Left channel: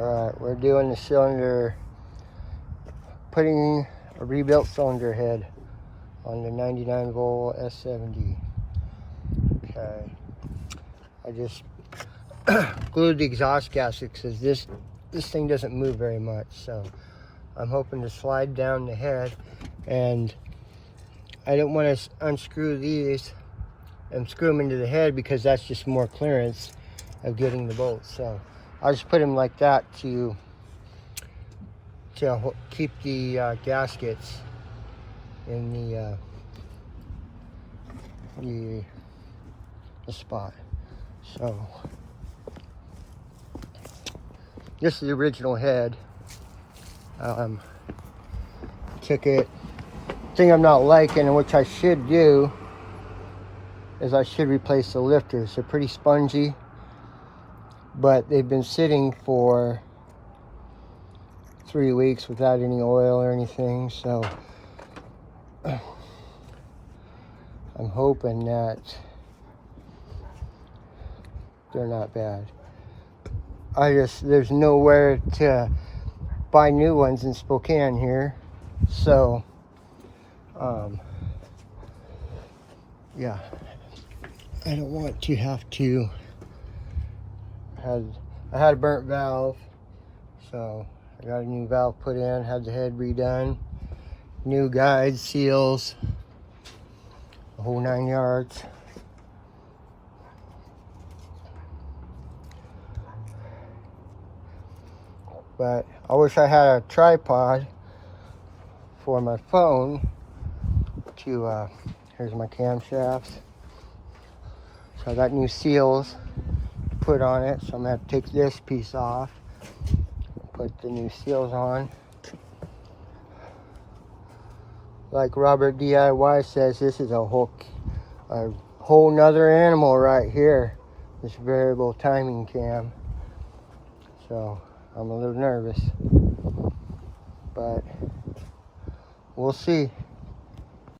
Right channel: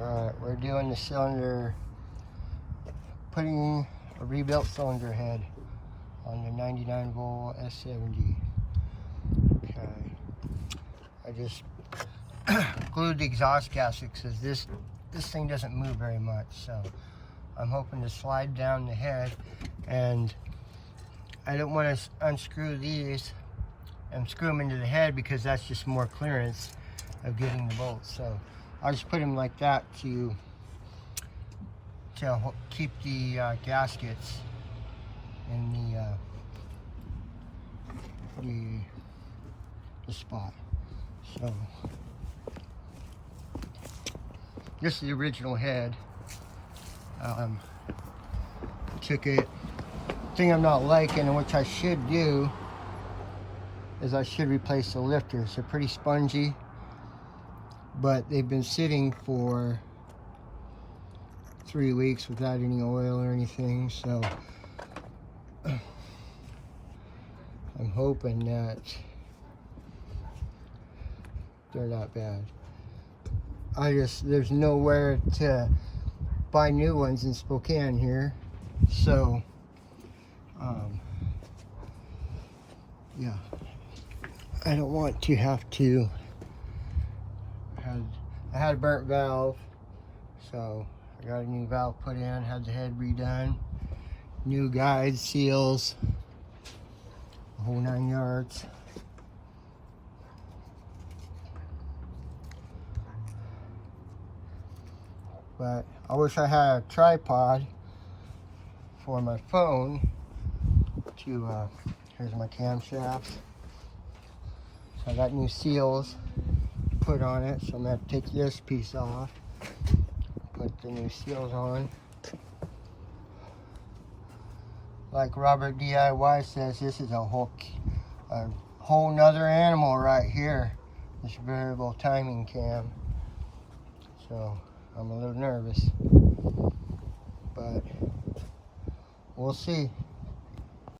Alright, we're doing the cylinder, putting a rebuilt cylinder head on the 99 volvo S70. Okay, I just glued the exhaust gasket because this thing doesn't move very much, so I'm hoping to slide down the head, and I don't want to unscrew these and screw them into the head because that's just more clearance of getting the bolts. So I just put them like that to keep the gaskets in the spot. So this is the original head. Took it. Thing I'm not liking, and which I should do, is I should replace the lifters. They're pretty spongy, but they've been sitting for 3 weeks without any oil or anything, so I'm hoping that they're not bad. There's nowhere to buy new ones in Spokane here, so yeah, I don't want to have to. I had a burnt valve, so I got a new valve put in, had the head redone, new guides, seals, the whole 9 yards. But I wish I had a tripod for my phone to, here's my camshafts. So I got new seals put on it, so I'm gonna have to take this piece off, put the new seals on. Like Robert DIY says, this is a whole nother animal right here, this variable timing cam. So I'm a little nervous, but we'll see.